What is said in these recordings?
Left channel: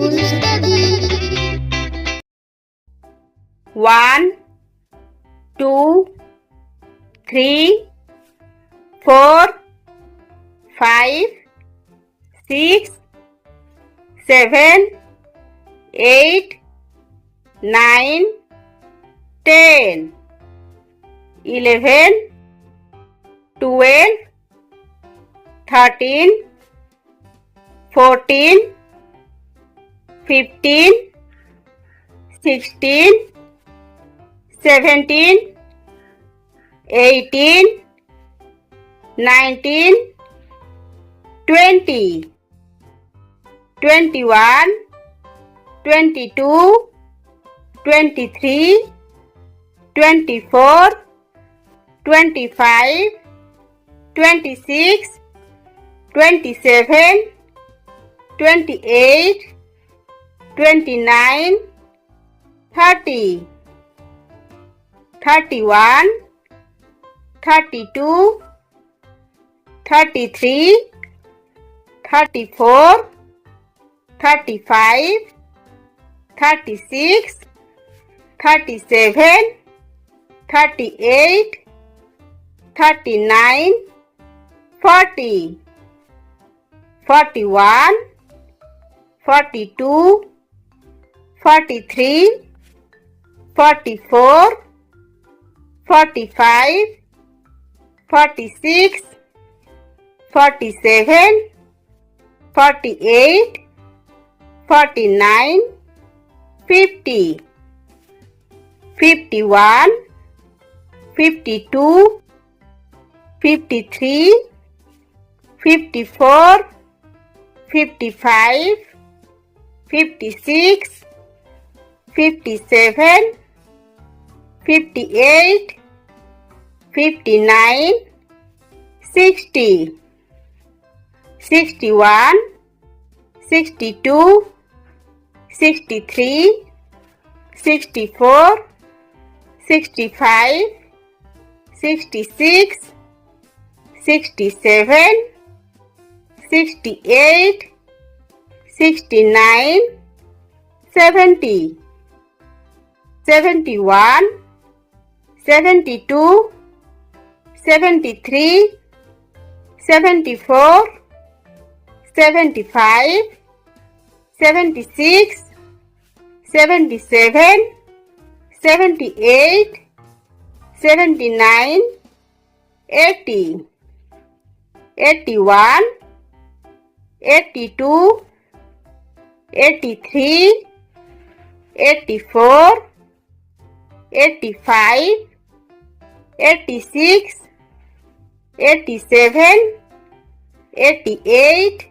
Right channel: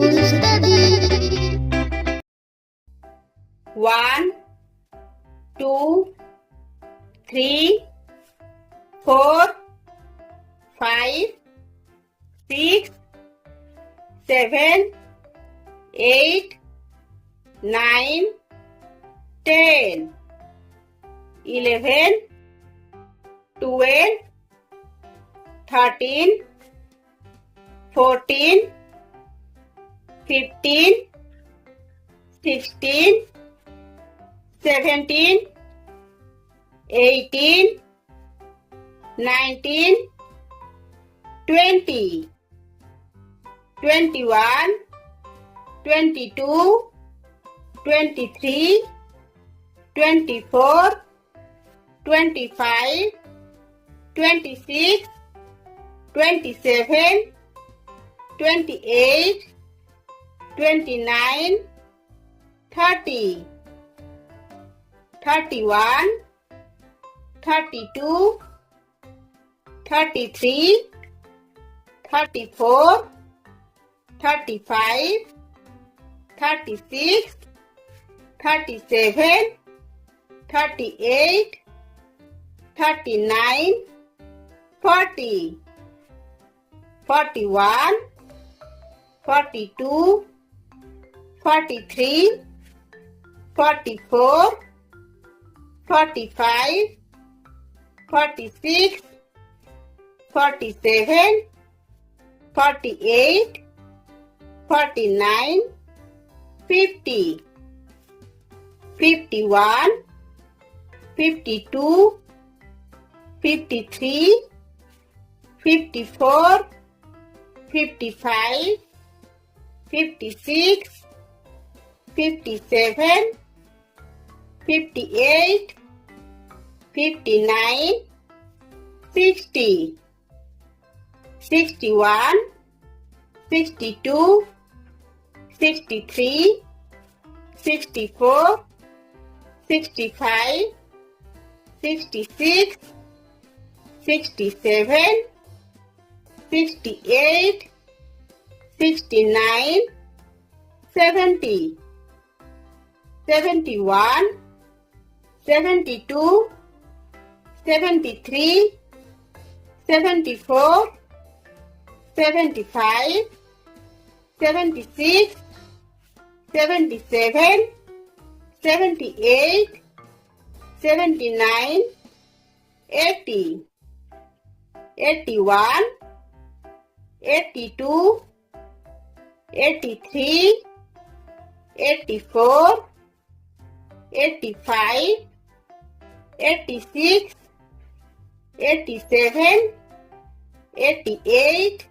to study. 1, 2, 3, 4, 5, 6, 7, 8, 9, 10, 11, 12, 13, 14, 15, 16, 17, 18, 19, 20, 21, 22, 23, 24, 25, 26, 27, 28, 29, 30, 31, 32, 33, 34, 35, 36, 37, 38, 39, 40, 41, 42, 43, 44, 45, 46, 47, 48, 49, 50, 51, 52, 53, 54, 55, 56, 57, 58, 59, 60, 61, 62, 63, 64, 65, 66, 67, 68, 69, 70, 71, 72, 73, 74, 75, 76, 77, 78, 79, 80, 81, 82, 83, 84, 85, 86, 87, 88,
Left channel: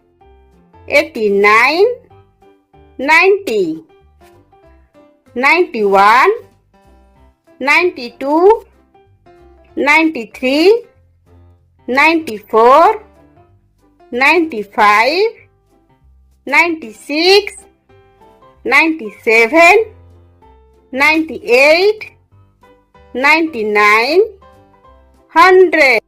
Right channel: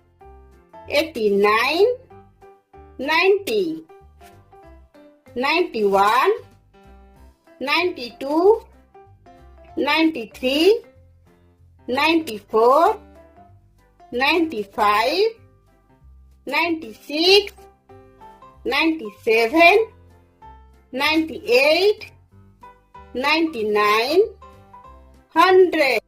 89, 90, 91, 92, 93, 94, 95, 96, 97, 98, 99, 100.